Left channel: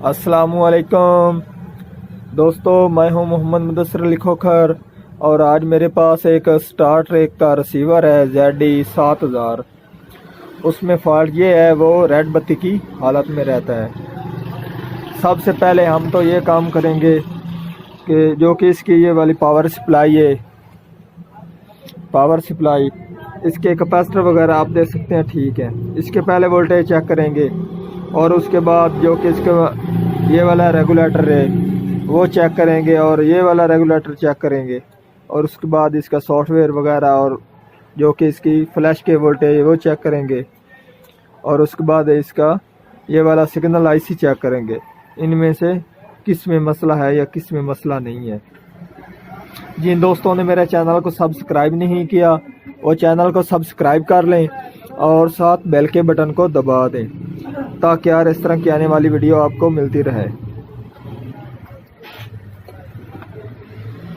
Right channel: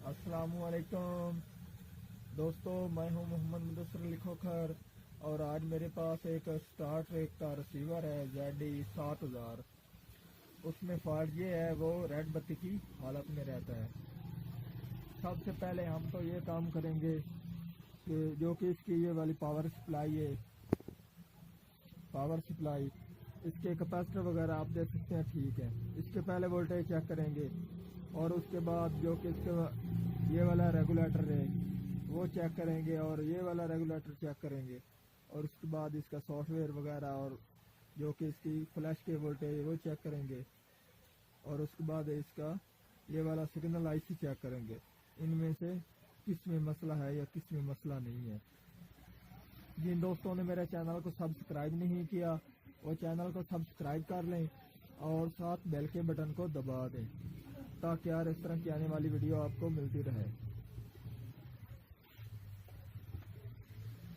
अस्सलामुअलैकुम दोस्तों, मैं हूं मोहम्मद मुदस्सिर अली खोखर और आज मेरे पास एक स्टार ट्रेक का रिसीवर है ZD7000। उसमें फॉल्ट ये है, वो रेड बत्ती की हालत में रहता है। सबसे पहले हम तो ये काम करेंगे कि जो कि इसकी ये वाली पावर सप्लाई है, पावर सप्लाई इसके कैपेसिटर वगैरह आप देख सकते हैं, ठीक है। इसके पहले वोल्टेज चेक करेंगे और उसके बाद जो कि इसका ये वाला रेगुलेटर है वो चेक करेंगे और ये वाला रेगुलेटर चेक करेंगे और उसके बाद इसका सॉफ्टवेयर वगैरह और जो कि इसकी फ्लैश के वोल्टेज है वो चेक करेंगे और उसके बाद इसका ये वाला सिग्नल आईसी चेक करेंगे। इनमें से किस में मसला है या किस में मसला नहीं है। जिन दोस्तों ने मेरे चैनल को सब्सक्राइब नहीं किया वो चैनल को सब्सक्राइब कर लें और साथ बेल के बटन को दबा दें ताकि यार इस तरह की आने वाली वीडियो आपको मिलती रहे।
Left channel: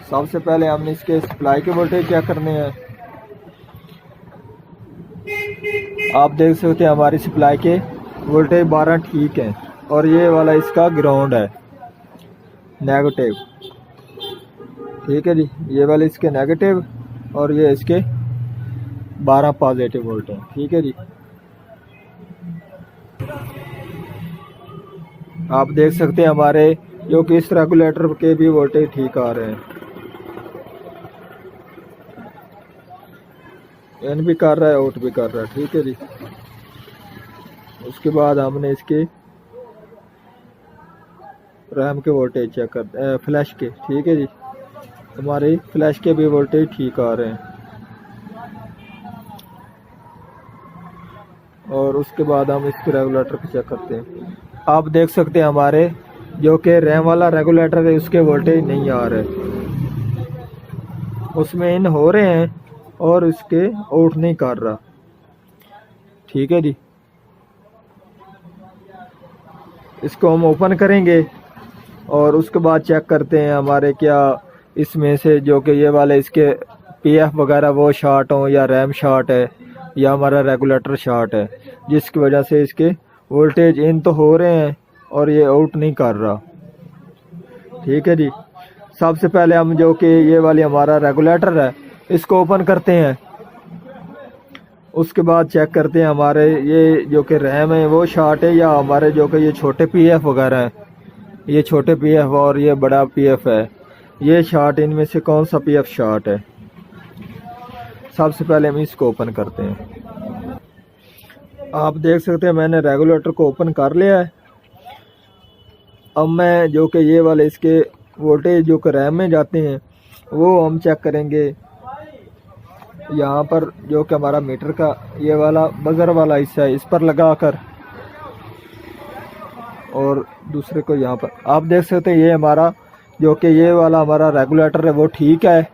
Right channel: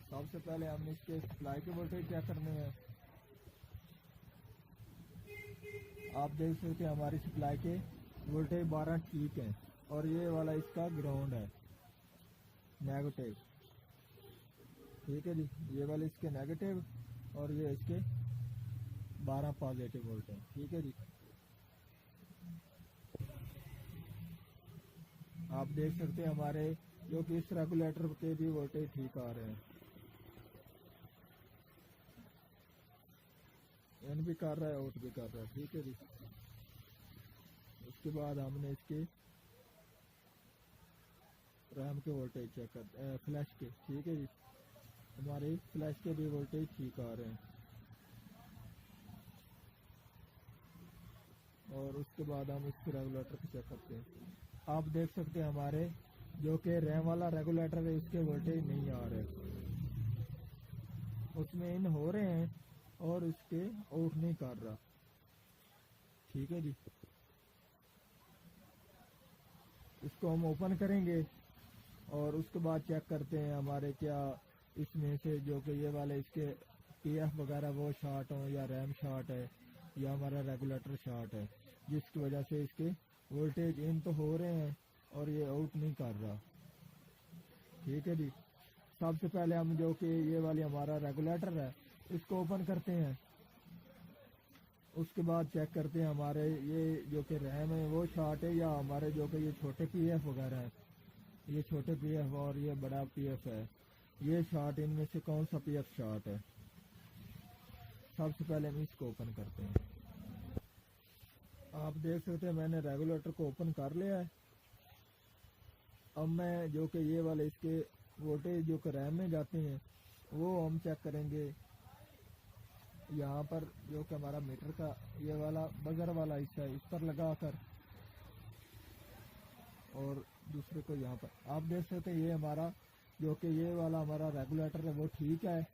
सबसे पहले हमने इसके सप्लाई के वोल्टेज चेक करने हैं। आप देख सकते हैं हमारी सप्लाई के वोल्टेज 12 ठीक है और ये वाला इसका ग्राउंड है नेगेटिव, ठीक है जी। ये वाले इसके नेगेटिव और ये इसके 12 पॉजिटिव वोल्ट हैं, ठीक है जी। आप देख सकते हैं हमारे जो कि इस रेगुलेटर के भी वोल्टेज ठीक आ रहे हैं, इन भी कर रहा है आउट भी कर रहा है, ठीक है जी। उसके बाद हमने इसके रैम के वोल्टेज चेक कर फ्लैश के, ठीक है जी। हमारे फ्लैश के भी वोल्टेज ठीक आ रहे हैं और उसके बाद हम इसके रेगुलेटर को चेक करते हैं। आप देख सकते हैं हमारे जो कि रैम वाला रेगुलेटर है उसके वोल्टेज नहीं आ रहे, उसमें इन हो रहे हैं और इसके आउट नहीं कर रहा, ठीक है जी। इसको हम ओपन करेंगे और उसके बाद चेक करते हैं हमारे क्या इसमें से जो कि ये वाले इसके पीएफ वगैरह वो शॉर्ट हो या रैम शॉर्ट है या हमारा रेगुलेटर शॉर्ट है, जिसकी वजह से इसके वोल्टेज इन तो हो रहे हैं और ये आउट नहीं कर रहा, ठीक है जी। सबसे पहले हम जो कि ये वाली हमारा रेगुलेटर है इसको ओपन करते हैं। उसके बाद चेक करते हैं हमारे ये जो कि रैम है वो शॉर्ट है या हमारे जो कि ये छोटे पीएफ वगैरह हैं, ये छोटे पीएफ और ये बड़ा पीएफ है, ये शॉर्ट, इनमें से कौन सा पीएफ शॉर्ट है। सबसे पहले हम इसको ओपन करते हैं। आप देख सकते हैं मैंने रेगुलेटर को ओपन कर लिया है। अब मैं जो कि ये वाले इसके वोल्टेज जो कि रैम में जाते हैं वो हम चेक करेंगे। यहाँ पर जो कि हमारा मीटर का ये वाला बजर वाला हिस्सा है इस पर लगाकर और दूसरे को यहाँ पर आप देख सकते हैं ये हमारा जो कि ये वाला हमारा रेगुलेटर है वो ठीक है,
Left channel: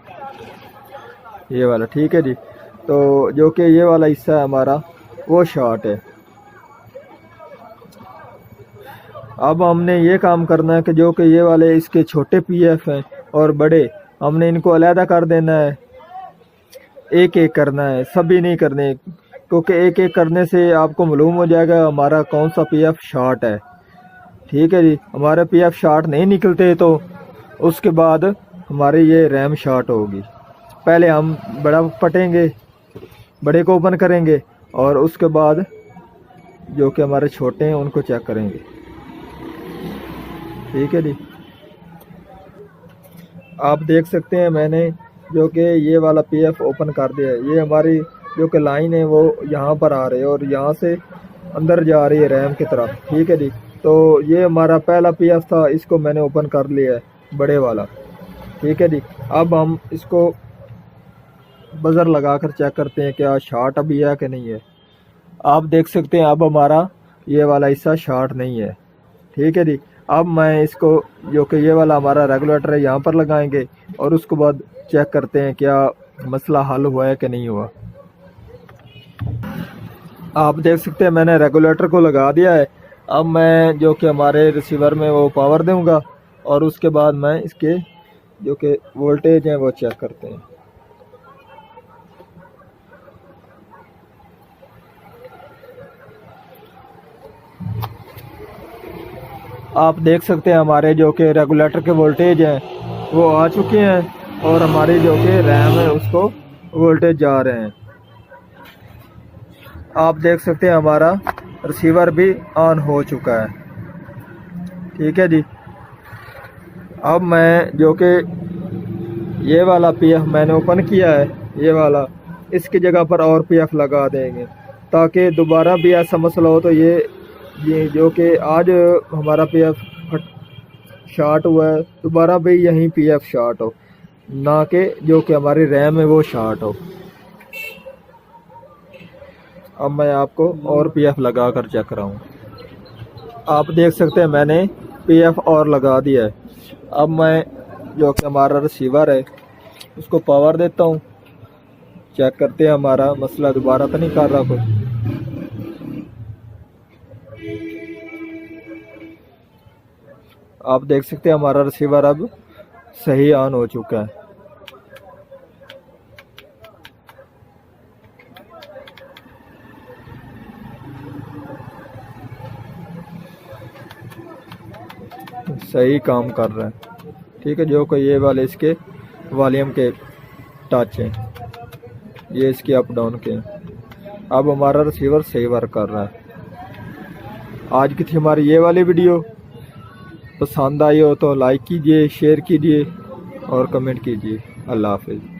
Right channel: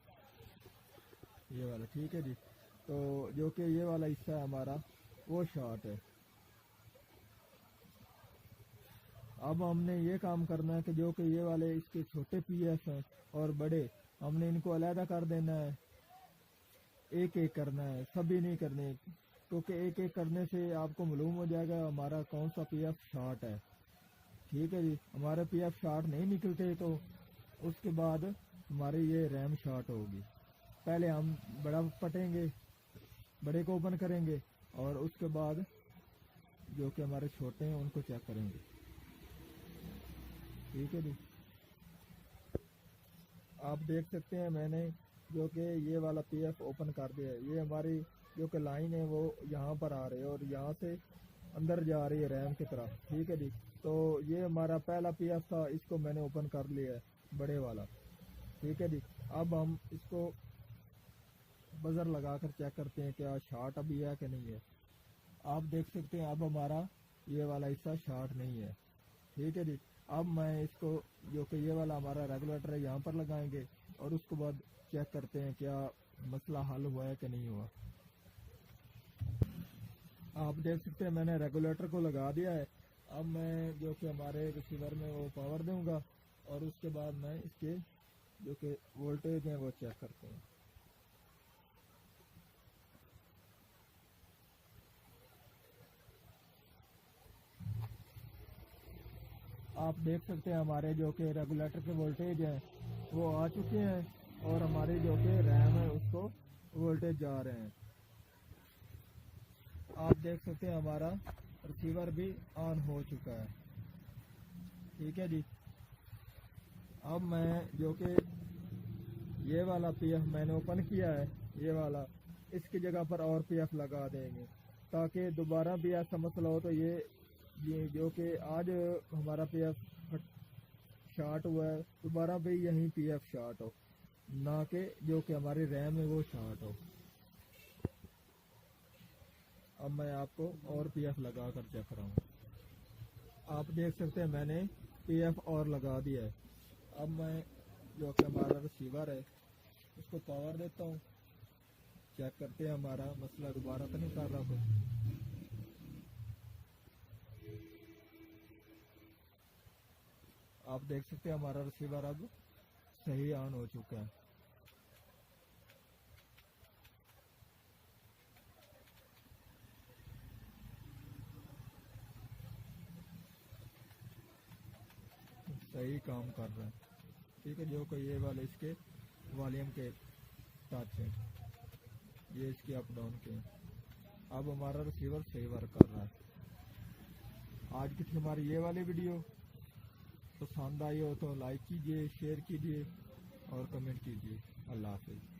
ये वाला ठीक है जी। तो जो कि ये वाला हिस्सा है हमारा वो शॉर्ट है। अब हमने ये काम करना है कि जो कि ये वाले इसके छोटे पीएफ हैं और बड़े, हमने इनको अलहदा कर देना है, एक एक करना है, सभी नहीं करने, क्योंकि एक एक करने से आपको मालूम हो जाएगा हमारा कौन सा पीएफ शॉर्ट है, ठीक है जी। हमारे पीएफ शॉर्ट नहीं निकलते तो उसके बाद हमारी ये रैम शॉर्ट होगी। पहले हम बड़ा पटेंगे, बड़े को ओपन करेंगे और उसके बाद जो कि हमारे छोटे हैं उनको चेक करेंगे, ठीक है जी। आप देख सकते हैं मैंने जो कि ये वाला पीएफ ओपन कर दिया है। ये हमारी जो कि लाइन है वो यहाँ पर आ रही है और यहाँ से अंदर जा रही है रैम की तरफ, ठीक है जी। तो ये हमारा पहला पीएफ था, इसको मैंने ओपन कर लिया है, बड़े वाला, ठीक है जी। अब हम इसको बजर लगाकर चेक करते हैं क्या शॉर्ट अभी है कि नहीं है। आप देख सकते हैं अब हमारा ये वाला हिस्सा शॉर्ट नहीं है, ठीक है जी। अब मैं इसको जो कि ये वाला हमारा रेगुलेटर है यहाँ पर लगाएंगे और उसके बाद चेक करते हैं क्या मसला हल हुआ है कि नहीं हुआ। आप देख सकते हैं मैंने रेगुलेटर को लगा दिया है। अब मैं जो कि हमारे रिसीवर में वो पावर दूंगा और उसके बाद मैं इसके जो कि वोल्टेज हैं वो चेक करते हैं। आप देख सकते हैं हमारे जो कि रेगुलेटर के वोल्टेज हैं वो आ चुके हैं और हमारी जो कि रैम है उसको वोल्टेज जा रहे हैं। आप देख सकते हैं हमारा रिसीवर भी ऑन हो चुका है। ठीक है जी। अब मैं जो कि ये वाला पीएफ मैंने ओपन किया है, ये वाला, इसकी जगह पर और पीएफ लगा देंगे ताकि दोबारा भी ऐसा मसला हो तो ये जो कि आज हमारा पीएफ शॉर्ट हुआ है दोबारा भी यहीं पीएफ शॉर्ट हो, ना कि जो कि हमारी रैम है वो शॉर्ट हो। अब मैं आपको और पीएफ लगा कर चेक कराऊँ। आप देख सकते हैं मैंने पीएफ और लगा दिया है। अब मैं जो कि हमारा रिसीवर है उसको पावर देता हूँ, चेक करते हैं हमारा मसला दोबारा तो नहीं कर रहा कोई। आप देख सकते हैं हमारा रिसीवर अब सही ऑन हो चुका है। सही काम कर रहा है। ठीक है, जो कि ये वाले इसके वॉल्यूम के टच हैं, ये इसके अप डाउन के हैं। अब हमारा रिसीवर सही वर्क कर रहा है। आज की थी हमारी ये वाली वीडियो। पसंद आई हो तो लाइक कीजिए, शेयर कीजिए और कमेंट कीजिए। अल्लाह हाफिज़।